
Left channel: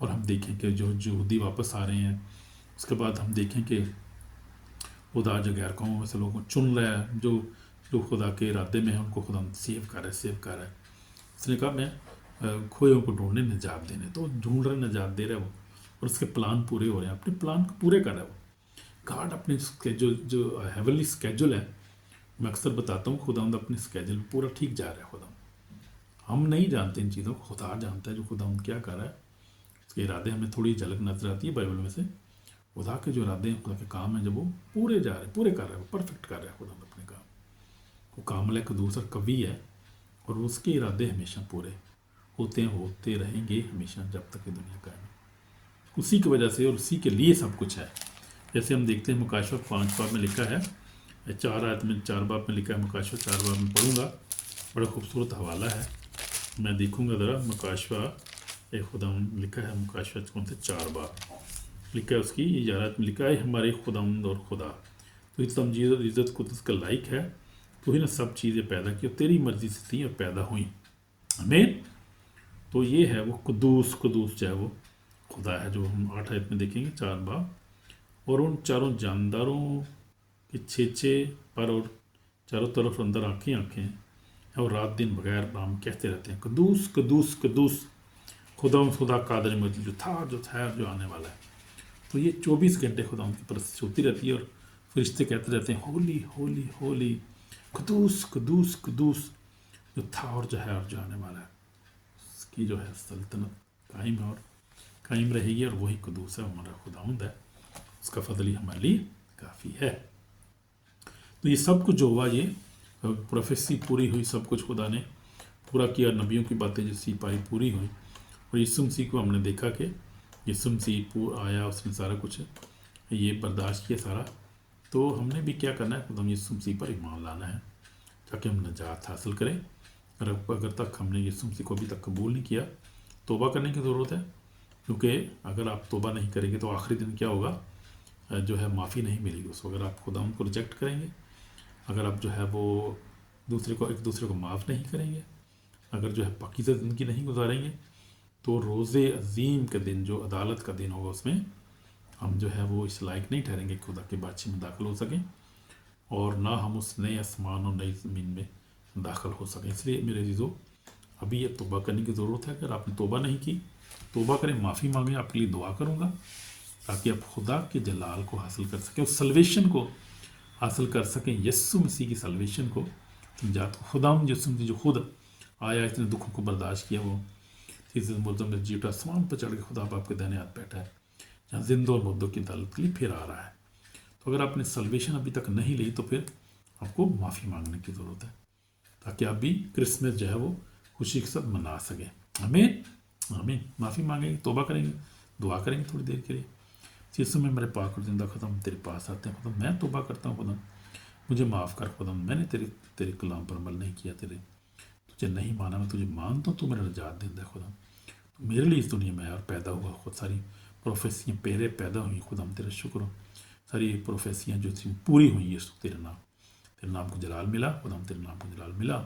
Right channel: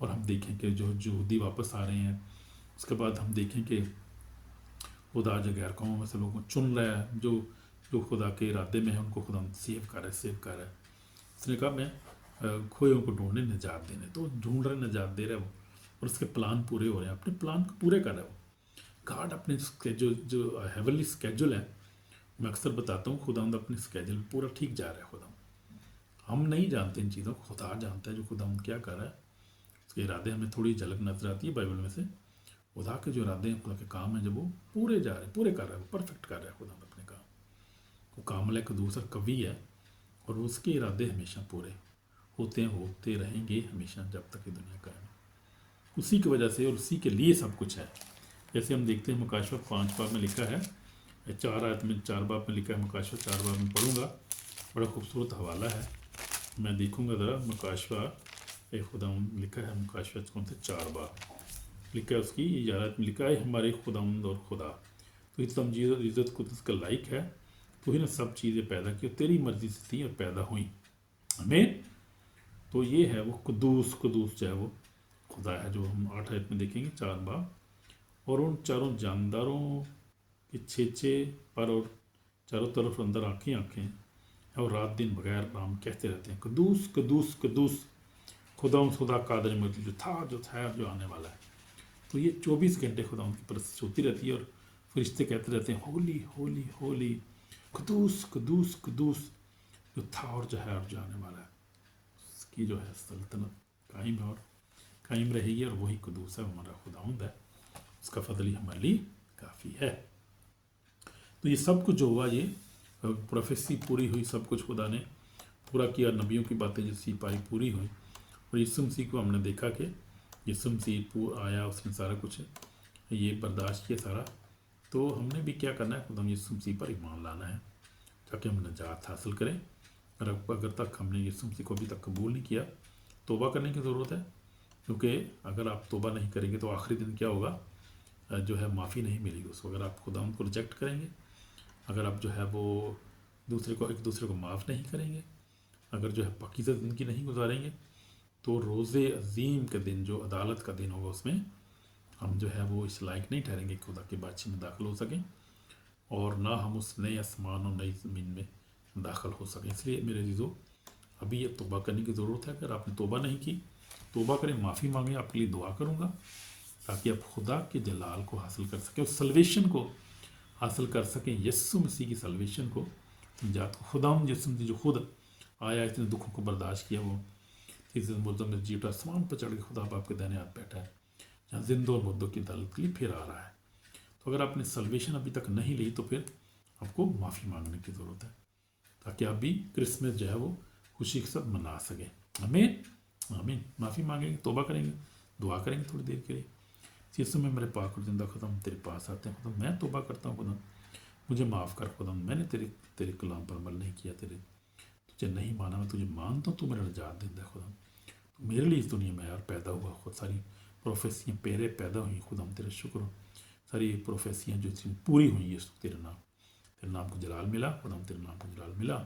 और हम देखें कि जो यहूदी वापस आ रहे हैं। उसके बाद हम देखें कि खुदा जो गैर कौमों में से लोगों को चुन रहा है, जो खुदा के इरादे में है उनको खुदा सेव कर रहा है। उसने कहा मैं खोयों को ढूंढने निजात देने, तो ढूंढ रहे, निजात दे रहे वो, और उसके प्लान पूरे हो रहे हैं, अपने प्लान को पूरे कर रहा है वो। गॉड अपने जो हेवनली स्केजुल है, मैं अक्सर बताता हूँ, खुदा अपने स्केजुल में पूरा ठीक जा रहा है। खुदा हम नहीं जानते इन चीज़ों को, खुदा जानता है जो खुदा क्या कर रहा है। उसके इरादे हमें थोड़ी झलक नजर आती है बाइबल में से। खुदा के जो इरादे हैं, खुदा के काम हैं, जब वो पूरे जा रहे हैं, पूरे कर रहे हैं, परफेक्ट कर रहे हैं खुदा अपने काम। वो कामल एक दूसरा कवि है और उसके इरादे हमेशा पूरे होते रहेंगे हमेशा, जब तक ये दुनिया कायम है। उसी की वजह से और उसी के लिए सब कुछ है। जैसे हम देखते हैं मुकाशवा 5 बाब में लिखा है, 4 आयत में 4 बाब में लिखा है, मुकाशवा 4 बाब में पढ़ूंगा, बड़ा खूबसूरत हवाला है। मैं देखूंगा ज़रा मुकाशवा एक खुदा लिखा है, मुकाशवा कौन से 4 बाब लिखा है, उसकी 11 आयत में लिखा है, हमारे खुदावंद और खुदा तो तमजीद और इज़्ज़त कुदस का लायक है, तो ही ने सब चीज़ें पैदा की, तेरी मर्जी से थी और पैदा हुई। आमीन। तो ये है वो कुदूस जो है वो खुदा है, जो हम 8 आयत में देखेंगे 4 बाब। और उन चारों जानदारों के छेचे पर और चारों तरफ अंदर आँखें हैं, और रात दिन बगैर नाम कहते रहते हैं, कदूस कदूस कदूस खुदा कादर मजीद, जो था जो आने वाला है। तो ये 24 घंटे खुदा की परस्तिश होती रहती है और फरिश्ते कहते रहते हैं, होली होली होली, कदूस कदूस कदूस, जो था और जो है और जो आने वाला है। उसकी जो है सल्तनत कायम है और कायम रहेगी, और वही कदूस है, हमारा खुदावंद है, उसका फजल ही हमारे लिए काफ़ी है। तो ये सब कुछ जो हुआ, ये प्रोफेसी पूरी हुई, सब कुछ खुदा ने पूरा किया, नबियों की बातें जो सी पाई पूरी हुई। और यीशु मसीह को हमने देखा कि यीशु मसीह आया, उसने सारा कुछ ये बर्दाश्त किया सारा। तो हमने भी क्या करना है, खुदा यीशु मसीह पर ईमान लाना है ताकि हम नजात हासिल करें। और अगर तक हमने यीशु मसीह को अभी तक कबूल नहीं किया, तौबा करने की ज़रूरत है, क्योंकि अगर आप तौबा नहीं करेंगे तो आखिरी दिन क्या होगा, जो है माफ़ी नहीं मिलेगी उसको। अगर आप खुदा उनको रिजेक्ट करेंगे, अगर आप जो है वो एक दूसरे को माफ़ नहीं करेंगे, अगर जो है पाकीज़ा ज़िंदगी नहीं गुजारेंगे, तो रोज़े अजीम के दिन, जो अदालत का दिन होगा, उसमें हम जो है वो इस लायक नहीं ठहरेंगे खुदा के बादशाह में दाखिल हो सकें, और ना हम उस नए आसमान और नई ज़मीन में दाखिल हो सकें। इसलिए मेरे अजीज़ों, अभी ये तौबा करने की ज़रूरत है। अगर आपने तौबा नहीं की, तौबा करें, माफ़ी मांगें। आपके लिए दुआ करूँगा ताकि आप खुदा के जलाल को हासिल कर सकें, उस सल्वेशन को हासिल कर सकें, यीशु मसीह की सल्वेशन को। जात खुदाम यीशु मसीह जो खुद आया, इतने दुखों को बर्दाश्त किया, वो तीसरे मुर्दों में जीवटा आसमान पर चढ़ के खुदा बाप के दाहिने हाथ बैठा है, जहाँ जिंदों और मुर्दों की अदालत के लिए फिर आ रहा है। तो अगर आपने सल्वेशन अभी तक नहीं ली, तो फिर आपको माफ़ी मांगने की ज़रूरत है, ताकि आप भी क्रिसमस जो है वो खुशी के साथ मना सकें। आमीन आमीन। माफ़ी मांगेंगे, तौबा करेंगे, दुआ करेंगे थोड़ी देर के लिए, यीशु में मेरे पाक और जिंदा खुदा तेरे पास आते हैं, खुदा मैं तौबा करता हूँ, खुदा मुझे माफ़ कर, खुदा मैंने तेरे कलाम पर अमल नहीं किया, तुझे नहीं माना, मैं तुझे मानता हूँ, तू मेरा निजात देता है खुदा, तो मेरे लिए इस दुनिया में यार पैदा हुआ, खुद सारी प्रोफेसियाँ पेरे पैदा हुई, खुदा हम तेरा शुक्र हो, सारी प्रोफेसियाँ जो थी पूरी हुई, ये तेरे नाम को जलाल मिला, खुदा हम तेरे नाम को जलाल मिला,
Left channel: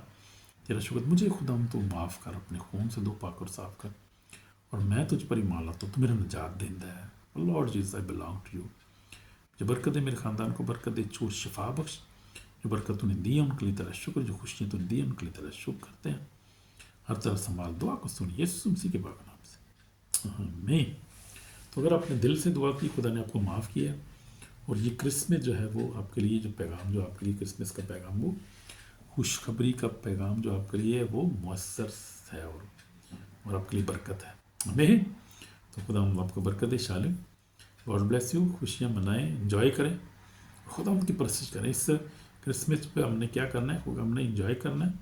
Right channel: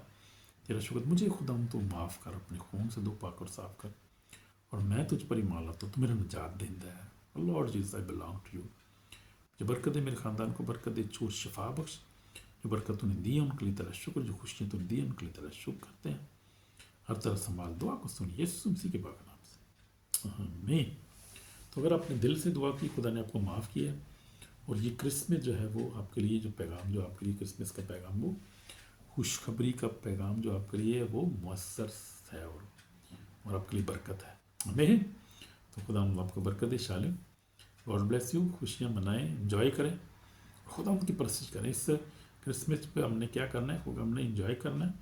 तेरा शुक्र। मुझे खुदा हम तू माफ़ कर, अपने खून से धो पाक और साफ कर, और मैं तुझ पर ईमान लाता हूँ, तू मेरा निजात देता है। Lord Jesus I belong to you. जो बरकत है मेरे ख़ानदान को बरकत दे, छूट शफा बख्श, जो बरकत तूने दी है उनके लिए तेरा शुक्र, जो खुशियाँ तूने दी है उनके लिए तेरा शुक्र करते हैं। हर तरह संभाल, दुआ को सुन यीशु मसीह के पाक नाम से, आमीन। तो अगर आपने दिल से दुआ की, खुदा ने आपको माफ़ किया, और ये क्रिसमस जो है वो आपके लिए जो पैगाम, जो आपके लिए क्रिसमस का पैगाम, वो खुशखबरी का पैगाम जो आपके लिए वो मुयस्सर है और आपके लिए बरकत है, आमीन। तो खुदा आपको बरकत दे। शालिम, गॉड ब्लेस यू। खुशियाँ मनाएं, एंजॉय करें, खुदा उनकी परस्तिश करें। इस क्रिसमस पे हमने क्या करना है, खुदा हमने एंजॉय करना है,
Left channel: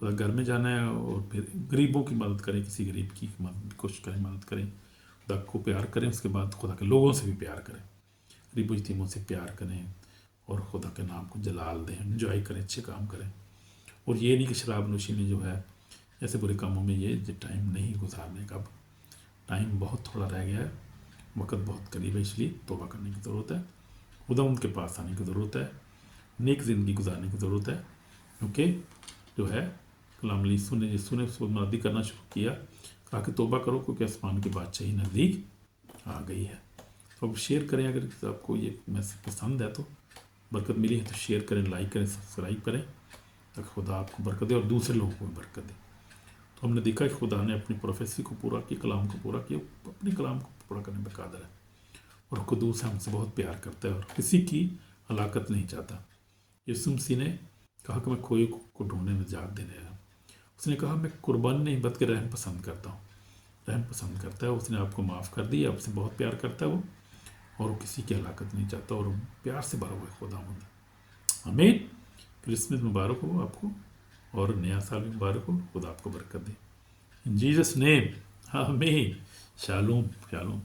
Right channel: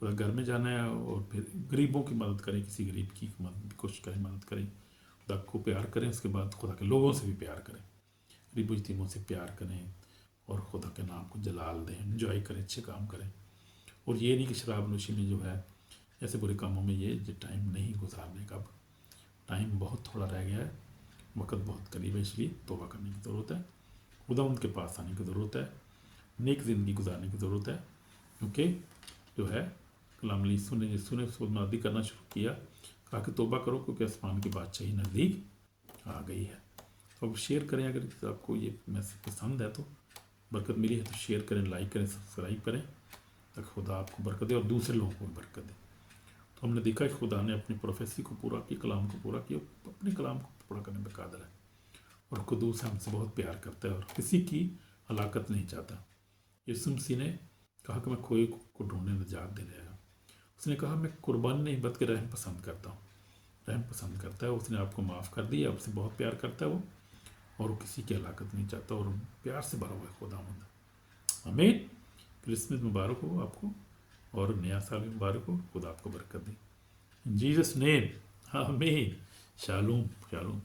खुदा घर में जाना है, और फिर गरीबों की मदद करें, किसी गरीब की मदद कोशिश करें, मदद करें, खुदा को प्यार करें, उसके बाद खुदा के लोगों से भी प्यार करें, गरीबों यतीमों से प्यार करें, और खुदा के नाम को जलाल दें, एंजॉय करें, अच्छे काम करें। और ये नहीं कि शराब नोशी में जो है ऐसे बुरे कामों में ये टाइम नहीं गुजारने का, टाइम बहुत थोड़ा रह गया है, वक्त बहुत करीब है, इसलिए तौबा करने की ज़रूरत है, खुदा उनके पास आने की ज़रूरत है, नेक ज़िंदगी गुजारने की ज़रूरत है, क्योंकि जो है कलाम यीशु ने मुनादी करना शुरू किया, कहा कि तौबा करो क्योंकि आसमान की बादशाही नज़दीक आ गई है। तो अब शेयर करें, अगर आपको ये मैसेज पसंद है तो, बरकत मिली है तो शेयर करें, लाइक करें, सब्सक्राइब करें, ताकि खुदा आपको बरकत दे और दूसरे लोगों को बरकत दे। तो हमने देखा कि खुदा ने अपनी प्रोफेसी को पूरा किया, कलाम को पूरा किया, अपने कलाम को पूरा करने में कादर है, और कुदूस हमसे बहुत प्यार करता है और किसी की हलाकत नहीं चाहता। यीशु मसीह ने कहा कि मैं खोए को ढूंढने निजात देने आया। उसने कहा मैं कुर्बानी नहीं बल्कि रहम पसंद करता हूँ। رحم پسند کرتا ہے، اس نے آپ کو معاف کر دیا، آپ سے بہت پیار کرتا ہے وہ، اور وہ کسی کی ہلاکت نہیں چاہتا، اور پیار سے بھرا ہوا ہے خداوند۔ آمین۔ کرسمس مبارک ہو آپ کو، اور نیا سال بھی مبارک ہو، خدا آپ کو برکت دے۔ ان جیزس نیم، آمین۔ Shalom Shalom.